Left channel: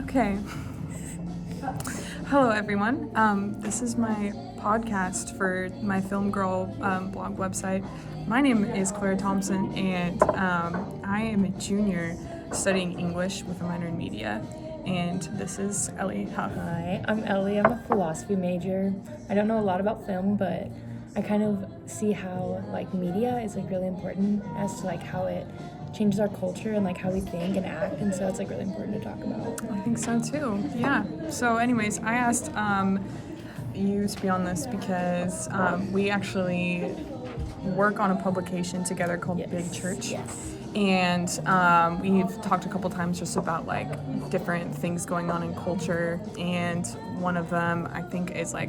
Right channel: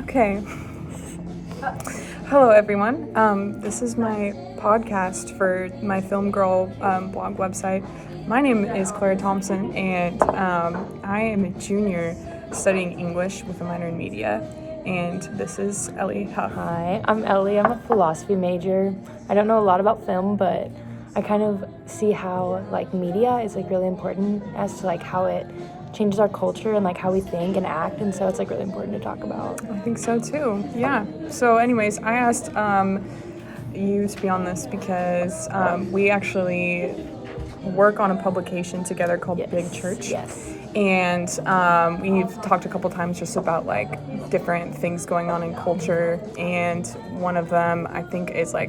Okay. Hello, everyone. This is my podcast for my Film Gurl blog website. My name is Clara Thompson, and I am a junior studying English with a minor in media. And this is Ellie, huff. Hi, I'm Ellie. I'm a philosophy major. I don't know a lot about film, but I kind of see how media is really important as to how it changes our culture and how we think and act, and so it's really important to talk about. I think so too. Yeah. So anyways, I asked you to be on this because we actually work on a publication together called Big Church. Yes. And we've talked a couple times just about different things going on in culture, and one of them I think is I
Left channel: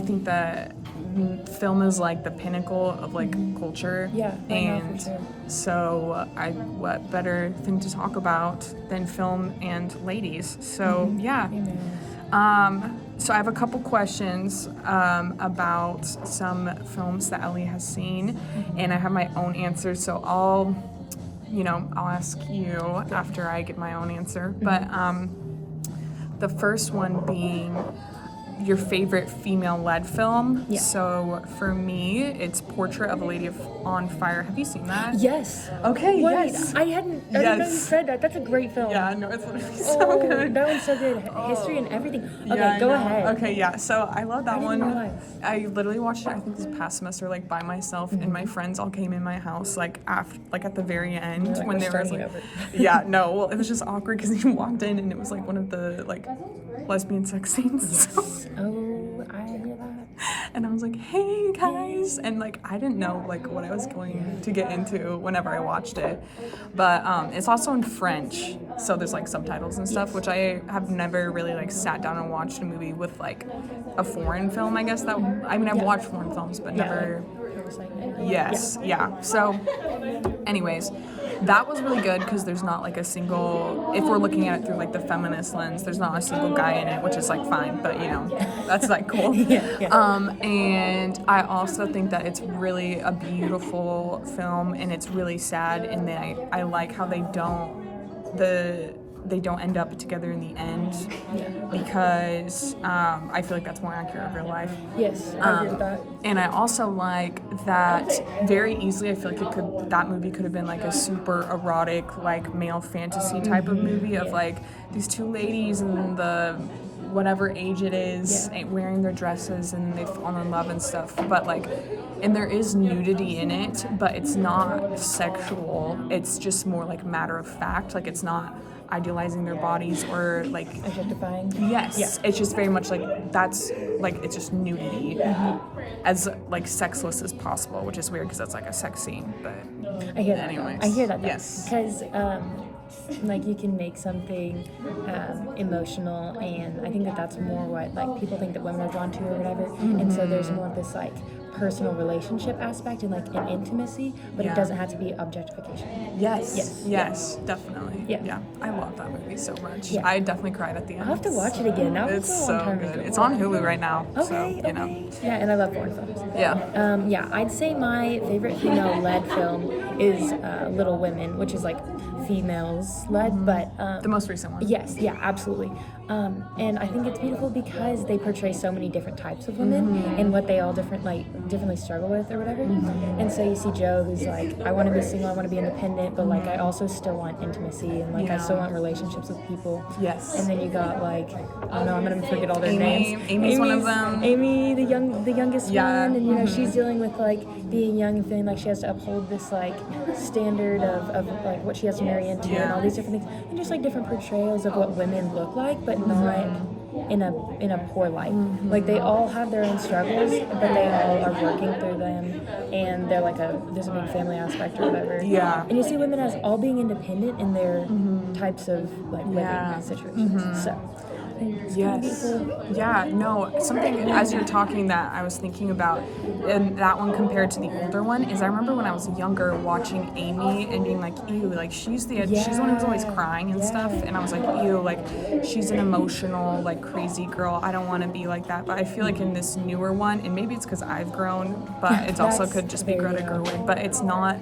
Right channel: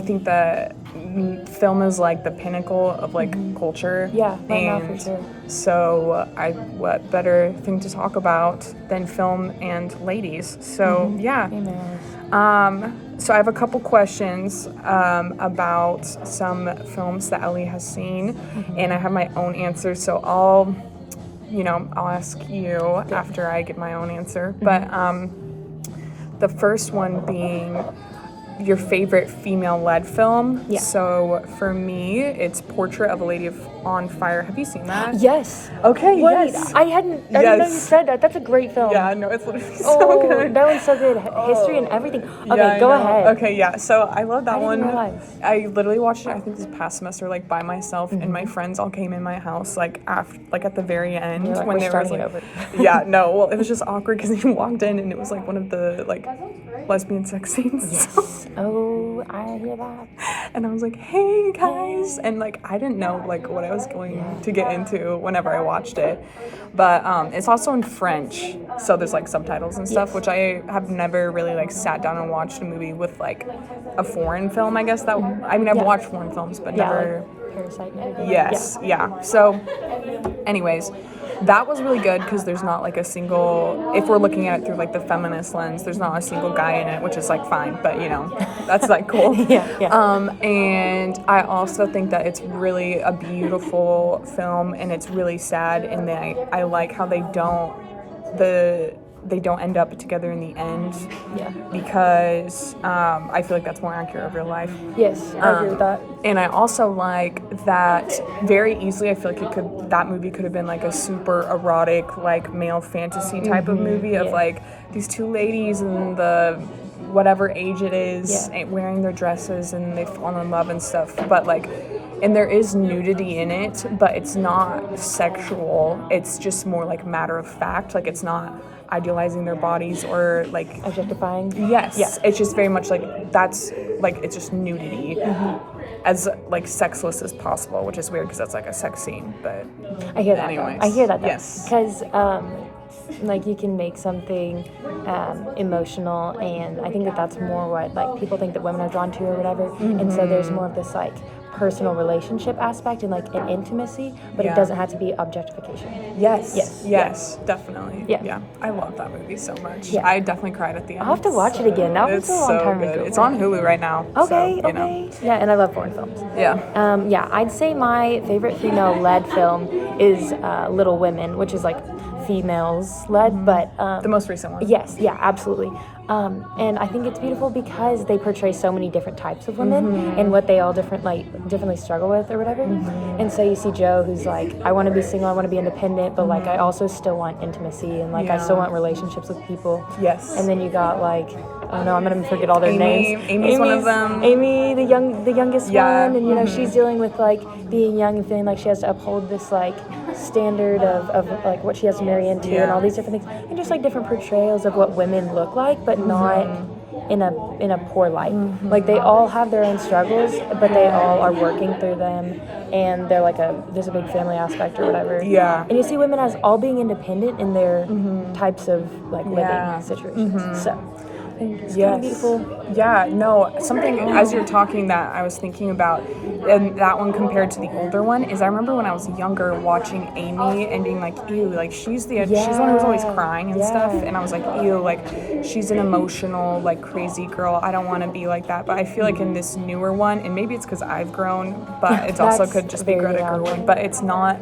think that film is the pinnacle of culture. Yeah, and now for sure. So what better thing to talk about than film and ladies? So yeah. So I have a couple questions about some films that Ellie has seen, and I have my own answer. So I'll ask you after I give my own answer. But the first one being your favorite female-led film. Yeah. So for me, it's Portrait of a Lady on Fire. Have you seen that? Yes. Okay, What? yes. I didn't know you said that. That's a great film. Yeah, no, it's literally so good. That one's so good. History and everything. Okay, Yeah, go I know. ahead. Okay, yeah. So I love that one. realize. I literally watched it, I think, this past semester, by myself, and my friends all came in my house, after, at the very end, You're when "We're there was starting over." yeah, no, well, it was just awkward because you walked in and it was one of the lesbian sex scenes. Oh, I hear that. And I was like, hey guys, and I didn't know what I was going to get into whenever I watched it, but it's also in French, so there's subtitles and stuff, which I have never really sat down and watched a movie with a foreign film. I guess I've watched foreign films, but never. Yes, yeah. So, anyways. That was really good because there's not a single, if we're looking at it through the feminist lens, there's not a single guy in it, which is fine, but that's cool. Yeah. And I also think that it's really a beautiful film, and it's really sad, and I like how they don't end up together in the end, because I feel that's more accurate of real life. Yes, I agree with that. And I also like that very easily. I feel that movie could have been a super erotic, male fantasy type of movie of these two ladies in the whatever age it is, wearing their dresses, and they fall in love and stuff. But and there is nudity in it, but it's not sexual. It's just more matter of fact. It's not idealizing their bodies or objectifying. Yes. Yeah. It's just very much that's it's just nudity, as sexless as possible, which is weird because that's a sex scene. But I hear that. anyways, I hear that. Yes. Because you can make something emotional, and I think that's more what people think that women are drawn to or whatever. And so there's more of this personal relationship aspect and an intimacy, but it doesn't have to be objectification. Yes, definitely. Yeah. I love that movie so much. Yeah. I definitely cried at the end. I'll have to watch it again. Now It's a long so time good. ago. It's on Hulu right now. Okay, so okay. Yeah, and I love foreign films. Yeah. I'd say my favorite female-led film is Little Women, which is females-led, but The most recent one. yes, yeah, absolutely. And I think it's beautiful because they portray so many different types of women and what they all differently struggle with or whatever. And so you see Joe, who's I want to be single, I want to be independent, but I also still want intimacy, and I still want relationships with people. Yes. And then you got I don't know, I'm gonna forget all their names. Amy's one of them. Amy, the youngest Yeah. one, and she's dealing with being young and feeling she has to uphold this standard of what she has to marry into and all these different things, and just different portrayals of what women look like, but not in a poor light. They all have their own struggles, but they all are working through them, and they're there's a big family aspect or whatever. Yeah. And you see women as all being independent in their types of living situations. So it's Yes. beautiful. Yeah, no, something as you're talking that I was thinking about, and that one compared to the older one, is I remember when I was younger watching Amy and being ew, she's the one who was always crying and stuff, and I was ew, she's an emotional, crazy girl. I don't want to be like that. But I feel in this newer one, and maybe it's because I've grown, but it also could just be Greta Gerwig, but it's not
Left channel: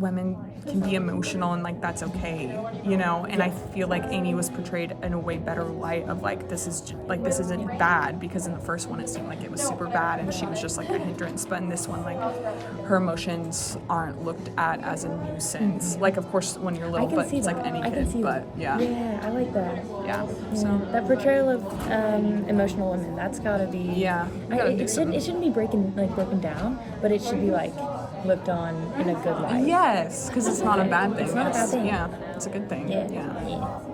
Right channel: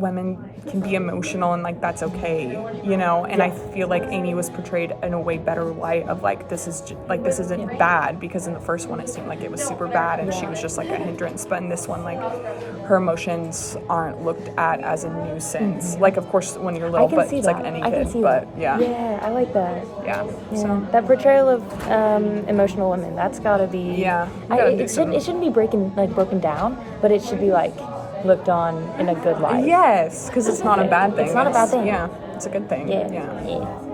women can be emotional and like that's okay, you know. And I feel like Amy was portrayed in a way better light of like this isn't bad, because in the first one it seemed like it was super bad and she was just like a hindrance, but in this one like her emotions aren't looked at as a nuisance. Like of course when you're little, but it's like any kid. But yeah, I like that. Yeah. So that portrayal of emotional women, that's gotta be. Yeah, you gotta do some. It shouldn't be broken down, but it should be like looked on in a good light. Yes, because it's not a bad thing. It's not a bad thing. Yeah, it's a good thing. Yeah.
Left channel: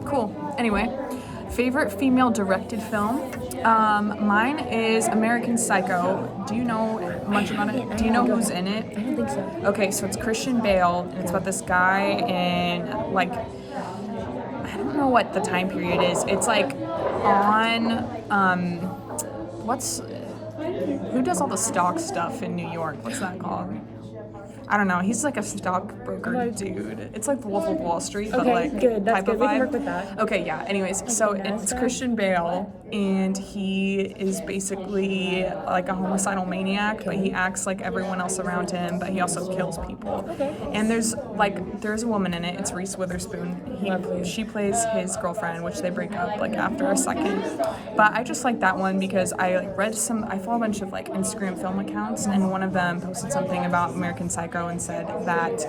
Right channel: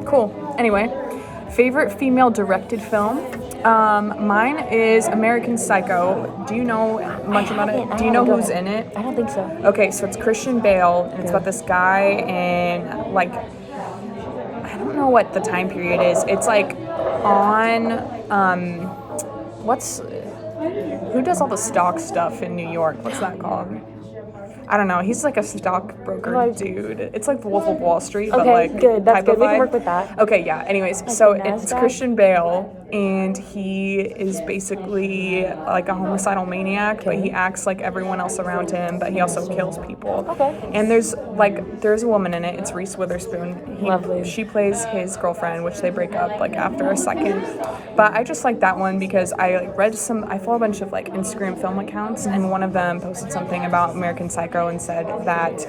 Cool. Anyway, favorite female directed film? Mine is American Psycho. Do you know much about it? Do you know who's in it? I don't think so. Okay, so it's Christian Bale, and it's about this guy in like, I don't know what the time period is. It's like on who does all the stock stuff in New York? What's that called? I don't know. He's like a stockbroker dude. It's like the Wolf of Wall Street, but like good. That's type good. of We can vibe. work with that. Okay, yeah. Anyways, so it's Christian Bale, and he is basically like a homicidal maniac, but he acts like everyone else around him, but he also kills people. Okay. And there's a woman in it. It's Reese Witherspoon. She plays his girlfriend, which they break up like after a second. But I just like that one because I follow a bunch of like Instagram film accounts, and one of them posted something about American Psycho and said that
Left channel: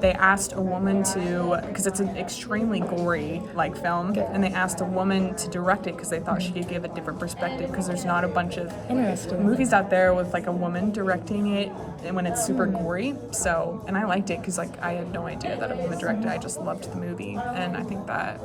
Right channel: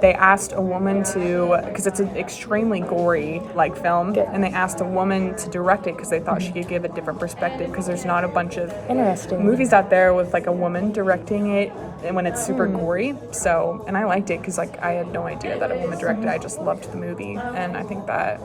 they asked a woman to, because it's an extremely gory like film, and they asked a woman to direct it because they thought she could give a different perspective, because there's not a bunch of movies out there with like a woman directing it and when it's super gory. So, and I liked it because like I had no idea that a woman directed it. I just loved the movie, and I think that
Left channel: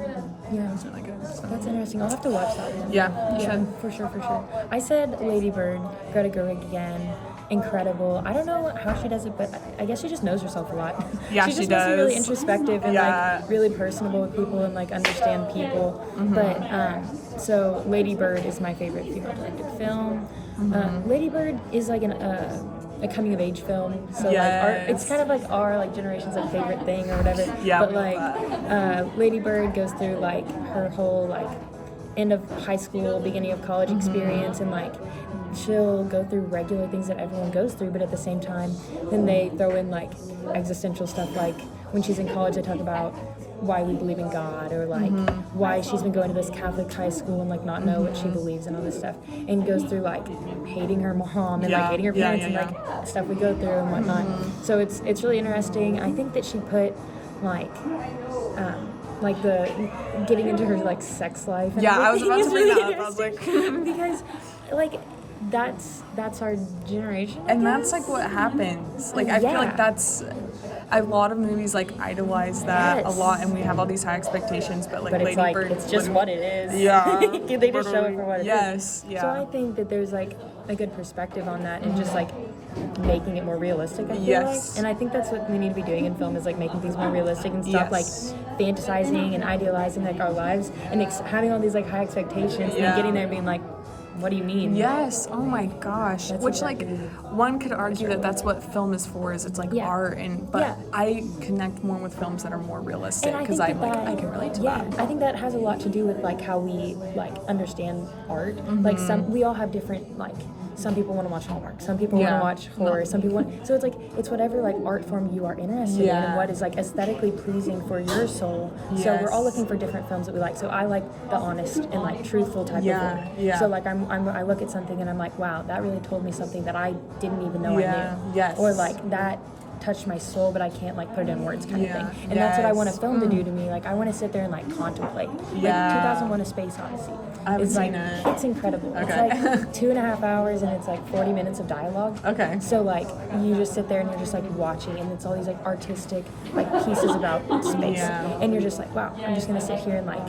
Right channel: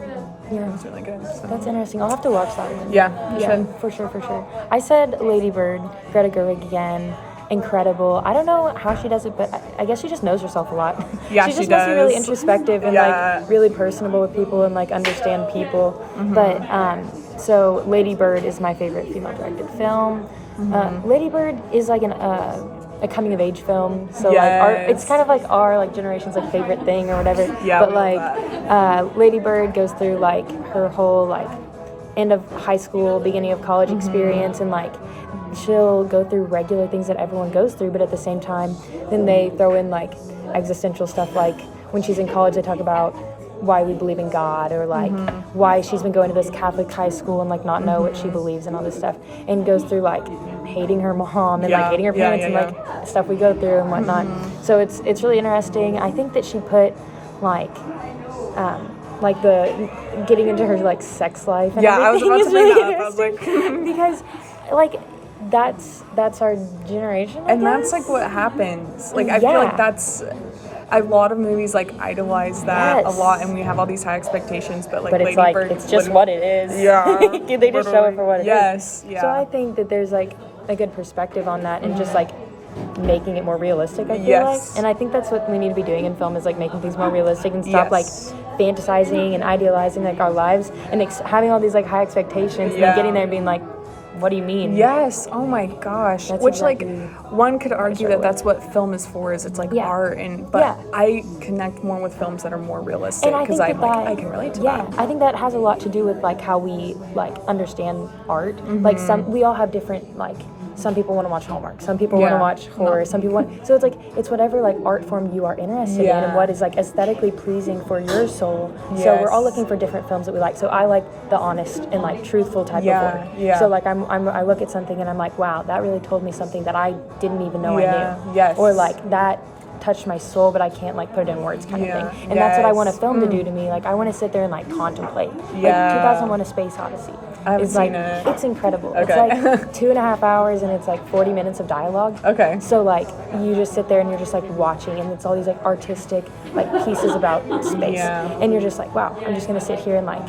it was really good. So. That's interesting. I'll have to watch that one. Yeah, you should. For sure. I said Lady Bird, Greta Gerwig again. Incredible. I don't know how she does it, but I guess she just knows herself a lot. Yeah, she does. Must be really introspective and like really personable with people and like understand people. Mm-hmm. But so Lady Bird is my favorite female directed film. Mm-hmm. Lady Bird is like a coming of age film. So like it's kind of like our like generation's like favorite thing or whatever. Yeah, but like Lady Bird goes through like her whole like end of high school, beginning of college experience, and like she'll go through regular things that everyone goes through, but at the same time then they throw in like existential stuff, like when she's in college they talk about why we believe in God, or like why she's been going to this Catholic high school and like not know what she believes and all this stuff, and goes through like hating her mom and like hating her parents and like stuff we go through and whatnot. So it's really interesting. I think that she put like the getting into her like sex life and I was about to bring that up. I was like because like that's our generation, and that's like what happens. Like I feel like that's a lot of movies like idolize that a lot, and we have all these high expectations, but Lady Bird, it's just what it is. Yeah. They just show it for what it is. Yes, yeah. So I think that there's like a good perspective on that, and just like making it more realistic, I feel like. And I think that's what we need to be doing in film, is like making things more realistic and stop like fantasizing and idealizing like our lives and having all these like high expectations and getting there and being like, what do you mean? Yes. Oh my gosh. That's Which exactly one could argue that that's what film is for, is it's like art, but I connect more with films that are more realistic because I can relate to that. I think that has a lot to do with like how we like understand art. Like we all have different like. Some people want to watch Hallmark. Some people want to watch horror. Some people want. So it's whatever like art form you are interested in, and what is like aesthetically pleasing for your soul. Yes. So we're all looking for different films that we like. So I like the honest and like truthful type of one. Yeah. So like I look at something and I'm like, wow, that really told me something that I didn't even know I knew. Yes. Or like that touched my soul, but I can't like put it in words kind of thing. And that's what I want a film to do to me. Like I want to sit there and like contemplate. Yeah. Like 2001: A Space Odyssey. I haven't seen it. It's incredible. Okay. It's like 2.5 hours and it's like 40 minutes of dialogue. Okay. So like you just sit there and you're just like watching, and it's all these like artistic like pieces about space. Yeah. And you're just like, wow, I'm just gonna sit here and like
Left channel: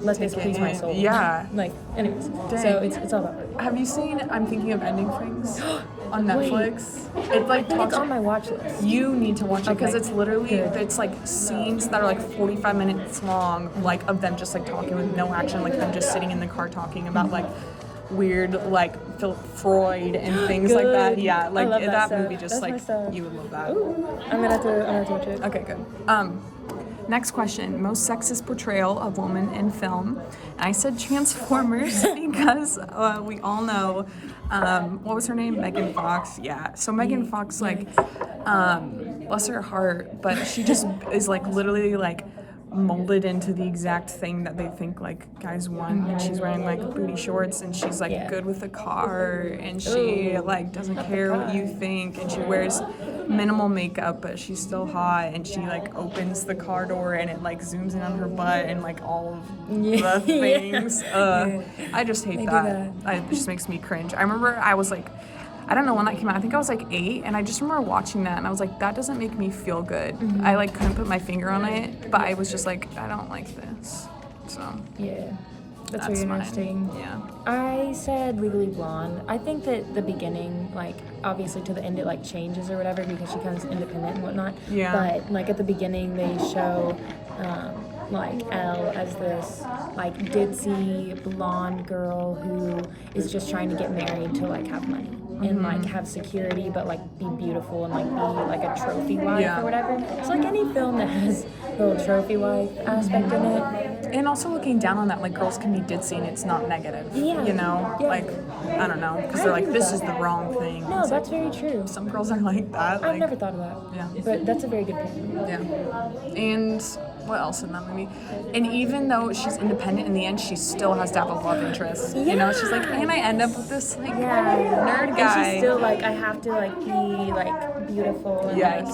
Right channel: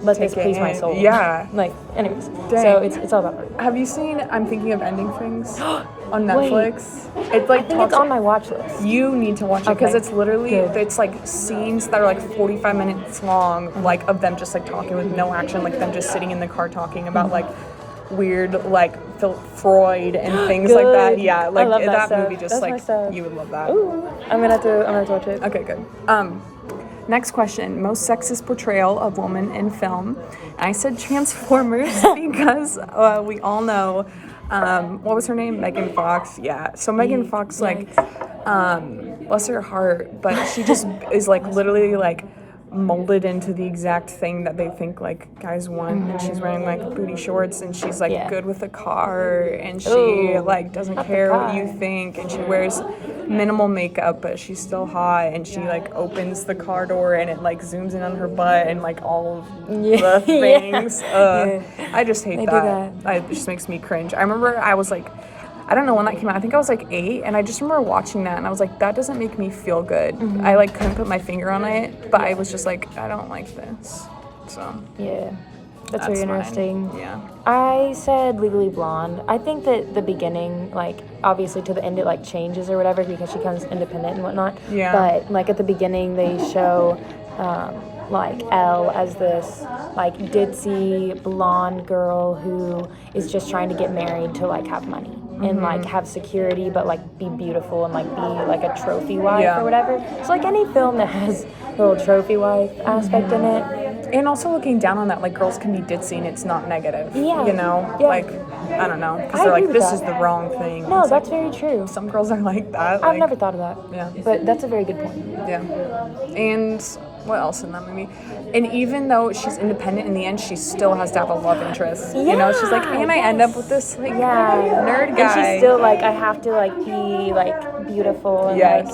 let this please my soul. Yeah. Like anyways. Dang. So it's all about art. Have you seen I'm Thinking of Ending Things on Netflix? It like talks. It's on my watch list. You need to watch it because it's literally it's like scenes that are like 45 minutes long, like of them just like talking with no action, like them just sitting in the car talking about like weird like Freud and things like that. Yeah, like that movie just That's like you would love that. Ooh, I'm gonna have to watch it. Okay, good. Next question, most sexist portrayal of woman in film. I said Transformers because we all know, what was her name? Megan Fox. Yeah, so Megan Fox, like, bless her heart, but she just is like literally like molded into the exact thing that they think like guys want, and she's wearing like booty shorts, and she's like good with a car, and she like doesn't care what you think, and she wears minimal makeup, but she's still hot, and she like opens the car door and it like zooms in on her butt and like all of the things. I just hate that. It just makes me cringe. I remember I was like, I don't know when that came out. I think I was like 8, and I just remember watching that, and I was like, that doesn't make me feel good. I like couldn't put my finger on it, but I was just like, I don't like this. So yeah, that's very interesting. Mine. Yeah. I said Legally Blonde. I think that the beginning, like obviously to the end, it like changes or whatever because she becomes independent and whatnot. Yeah. But like at the beginning, they show like Elle as this like ditzy blonde girl who is just trying to get married to like have money and like have security, but like be beautiful and like be like a trophy wife or whatever. So like any film that has a little trophy wife aspect in it. And also looking down on that, like girls can be ditzy and it's not negative. Yeah. You know, like I don't know, because they're like, this is the wrong thing. No, it's that's like, very true. Some girls are like that. I've never thought of that. Yeah. But that's a very good point. Yeah. And what else in that movie? And even though she's independent, in the end, she still has to have a love interest. You know, she's like, and I end up with this like nerd guy. And she's still like, I have to like be like beautiful. And, like,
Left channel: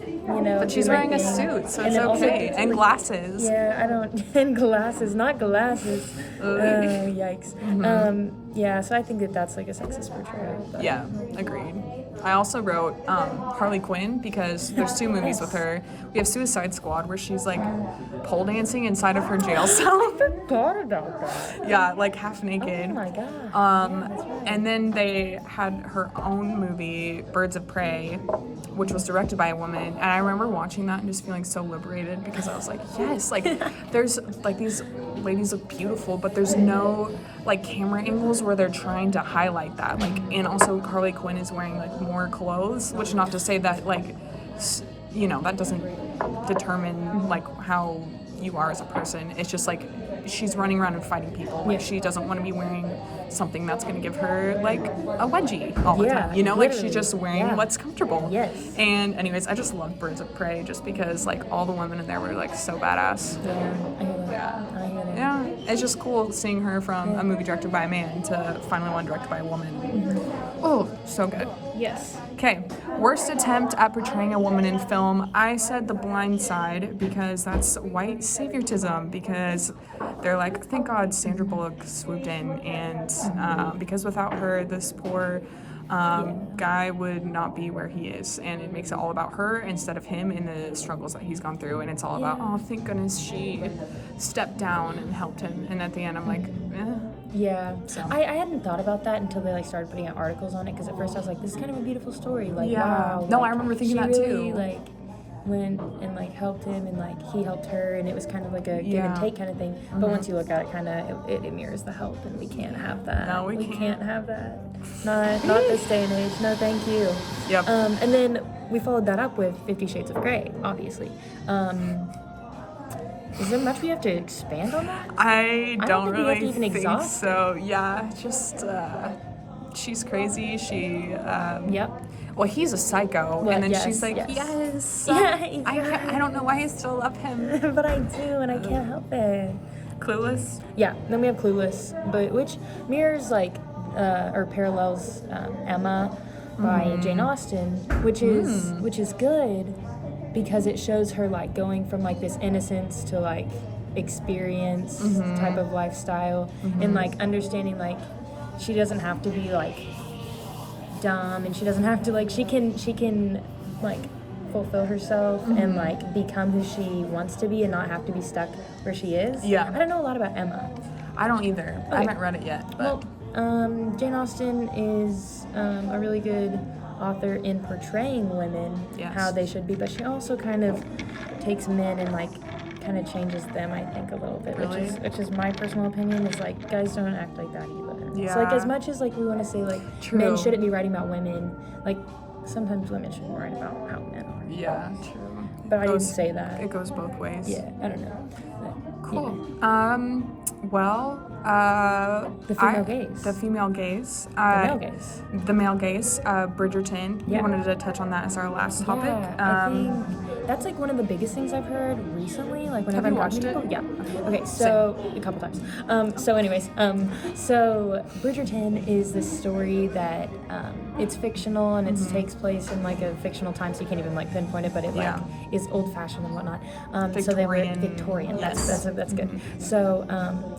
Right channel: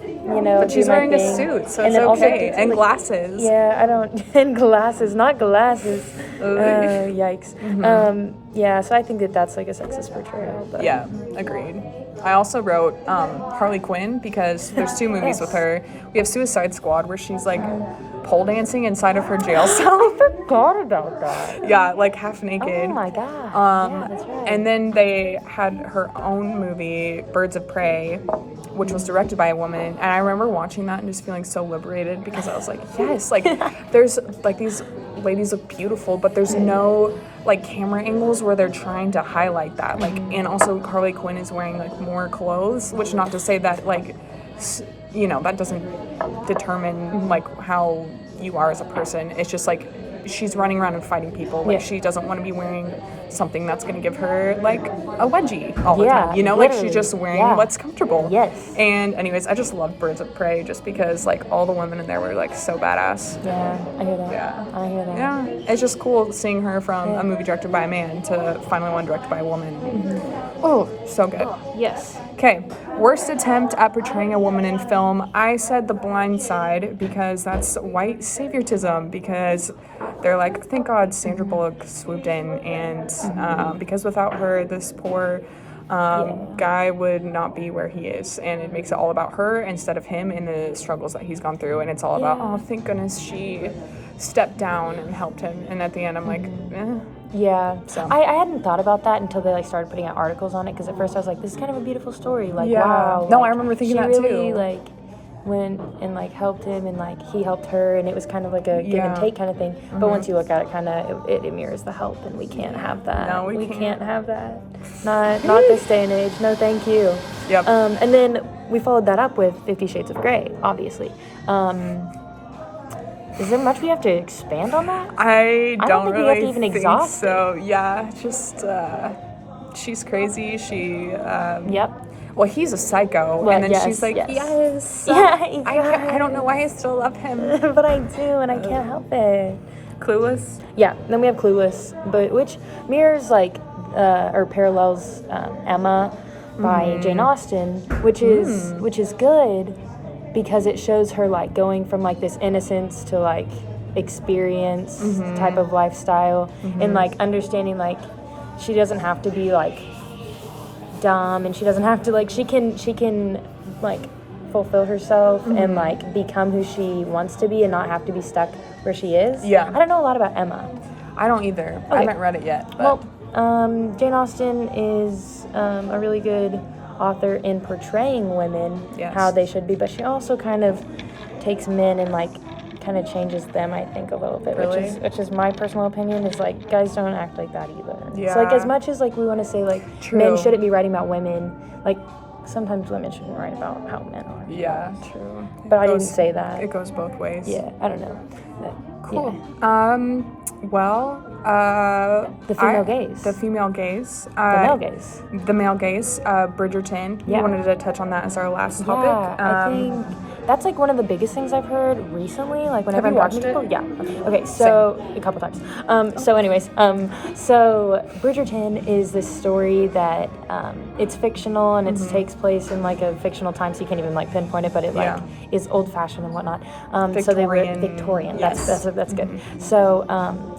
you know. But she's wearing a suit, so it's okay. And glasses. Yeah, I don't. And glasses, not glasses. Yikes. Yeah, so I think that that's like a sexist portrayal. But. Yeah, agreed. I also wrote Harley Quinn because there's 2 movies with her. We have Suicide Squad where she's like pole dancing inside of her jail cell. I forgot about that. Yeah, like half naked. Oh my god. Yeah, that's right. And then they had her own movie, Birds of Prey, which was directed by a woman. And I remember watching that and just feeling so liberated because I was like, yes, like there's like these ladies look beautiful, but there's no like camera angles where they're trying to highlight that. Like, and also Harley Quinn is wearing like more clothes, which not to say that like, you know, that doesn't determine like how you are as a person. It's just like she's running around and fighting people. Like she doesn't want to be wearing something that's going to give her like a wedgie all the time. You know, like she's just wearing what's comfortable. Yes. And anyways, I just loved Birds of Prey just because like all the women in there were like so badass. Yeah, I hear that. Yeah. I hear that. Yeah. It's just cool seeing her from a movie directed by a man to finally one directed by a woman. Oh, so good. Yes. Okay, worst attempt at portraying a woman in film. I said The Blind Side because that's white saviorism, because they're like, thank God Sandra Bullock swooped in, and because without her, this poor guy would not be where he is, and it makes it all about her instead of him and the struggles that he's gone through, and it's all about, oh, thank goodness she stepped down and helped him, and at the end I'm like, Yeah. So. I hadn't thought about that until they like started putting out articles on it, because at first I was like, this is kind of a beautiful story. Like, wow. No, like, I remember thinking that really, too. Like, went and like helped him, and like he helped her, and it was kind of like a give and take kind of thing. But once you look at it, kind of it mirrors the help, and we can't have that. No, we can't have that. Not this day and age. No, thank you. Yep. And then we followed that up with 50 Shades of Grey, obviously. Is there much we have to expand on that? I don't think we really have to even think exhaust so. Yeah, just she's crazy. She Yep. Well, he's a psycho, Well, and then yes, she's like, yes. I don't know why I still love him. But I do, and I can't help it. Clueless. Yeah. Then we have Clueless, but which mirrors like or parallels Emma by Jane Austen, which is good because it shows her like going from like this innocence to like experience type of lifestyle, and like understanding like she doesn't have to be like dumb, and she doesn't have to like she can like fulfill herself and like become who she wants to be and not have to be stuck where she is. Yeah. I don't know a lot about Emma. I don't either. I haven't read it yet. But. Well, Jane Austen is a really good author in portraying women how they should be, but she also kind of takes men and like kind of changes them, I think, a little bit. Really? Which is my personal opinion, is like guys don't act like that either. Yeah. So like as much as like we want to say like men shouldn't be writing about women, like sometimes women shouldn't write about how men are. Yeah, true. But I didn't say that. It goes both ways. Yeah, I don't know. Cool. Well, The female gaze. The female gaze. Male gaze. The male gaze. Bridgerton. Yeah. We wanted to touch on that as our last topic. Yeah, I think that's like one of the biggest things I've heard recently. Like whenever Have you I'm talking to watched people. Yeah. Okay. So a couple times. So anyways, so Bridgerton is this story that it's fictional and it takes place in like a fictional time, so you can't even like pinpoint it, but it like is old fashioned and whatnot. So they were Victorian. Yes. That's good. So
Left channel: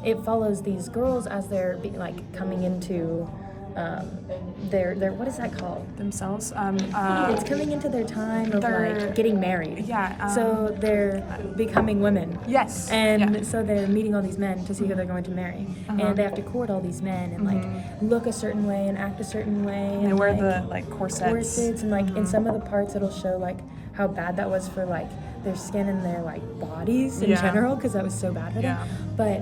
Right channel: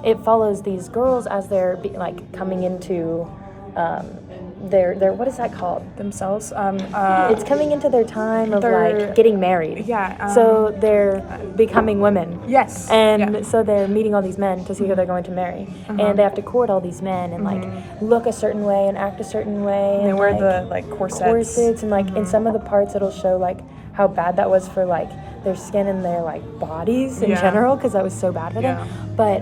it follows these girls as they're like coming into their what is that called? Themselves. It's coming into their time of like getting married. Yeah. So they're becoming women. Yes. And so they're meeting all these men to see who they're going to marry. And they have to court all these men and like look a certain way and act a certain way. And they wear like, the like corsets. And like in some of the parts it'll show like how bad that was for like their skin and their like bodies in general, because that was so bad for them. But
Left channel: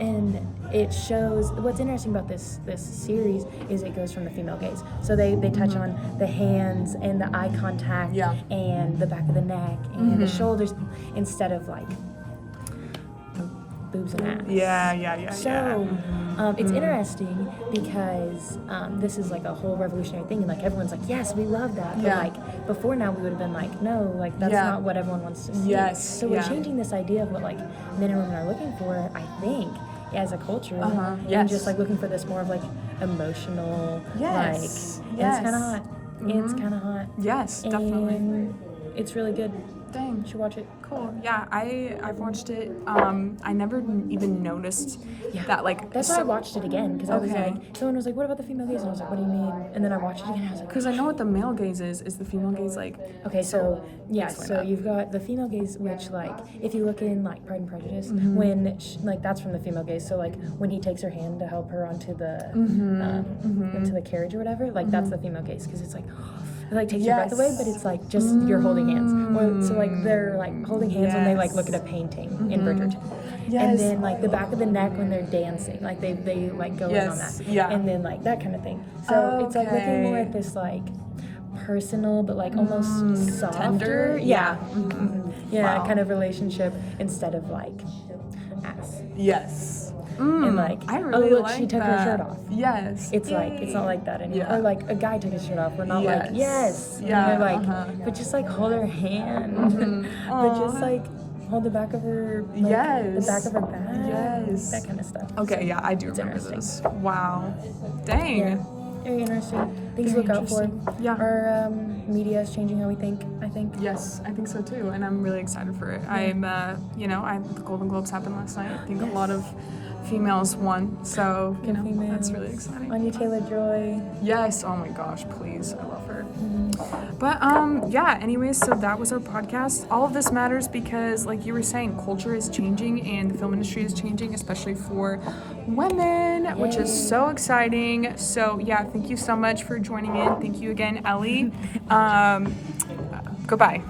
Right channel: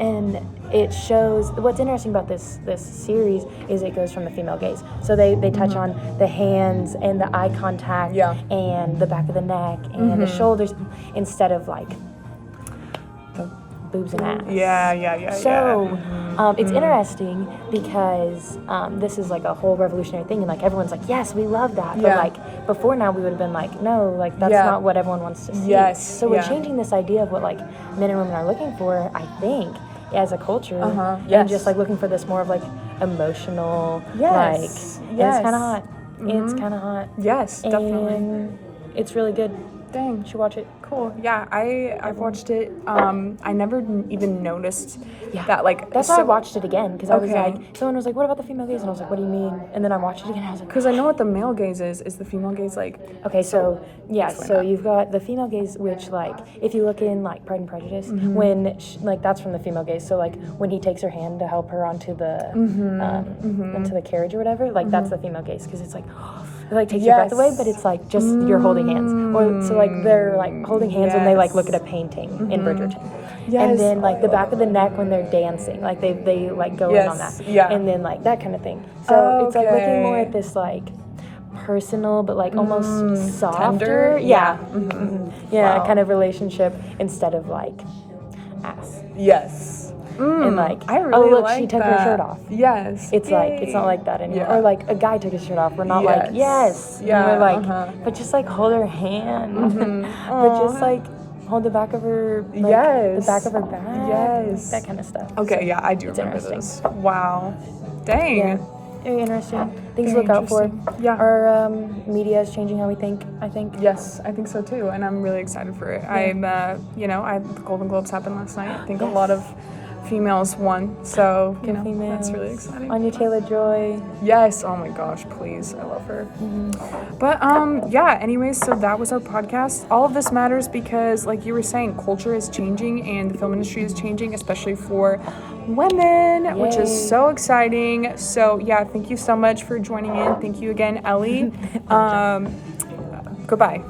and it shows what's interesting about this series is it goes from the female gaze. So they touch on the hands and the eye contact and the back of the neck and the shoulders instead of like the boobs and ass. So it's interesting because this is like a whole revolutionary thing, and like everyone's like, yes, we love that. But like before now, we would have been like, no, like that's not what everyone wants to see. So we're changing this idea of what like men and women are looking for, I think, as a culture. And just like looking for this more of like emotional. Like, it's kind of hot. It's kind of hot. Yes, definitely. And it's really good. Dang. You should watch it. Cool. Yeah, I've watched it. I never even noticed that like. That's why I watched it again, because I was like, someone was like, "What about the female gaze?" And I was like, "What do you mean?" And then I watched it again. And I was like, because I know what the male gaze is. Is the female gaze like? Okay, so you've got the female gaze, which like if you look in like Pride and Prejudice, when like that's from the female gaze. So like when he takes her hand to help her onto the into the carriage or whatever, like that's the female gaze, because it's like. It like takes your breath away, but it's like just you're holding hands. Or so like they're like holding hands when they like look at a painting in Bridgerton. And then like the back of the neck when they're dancing, like they like go in on that. And then like that kind of thing. So it's like looking more at this like personal but like almost softer, tender, kind of relationship instead of like ass. And like, I really like she took her shirt off. It's like it's not like that anymore. Or like a guy took his shirt off. We're not like and we're like, but just like hold her hand. But just like hold the back of her. Like, the back of her back. That kind of stuff. Okay, so I do remember those. Wow, dang. Very interesting. Things to look out for. Our media is changing how we think, I think. Yes, I think so too, and I'm really excited for it. I'm, the Golden Globes happened last night. I think a lot of females won, so that's really exciting. Anya Taylor-Joy. Yes, oh my gosh, please, I love her. But anyways, so that was our podcast. All of this matters because, like you were saying, culture is changing and the film industry is changing, especially for women, which is so exciting. So thank you so much for joining in. Thank you again, Ellie. Goodbye.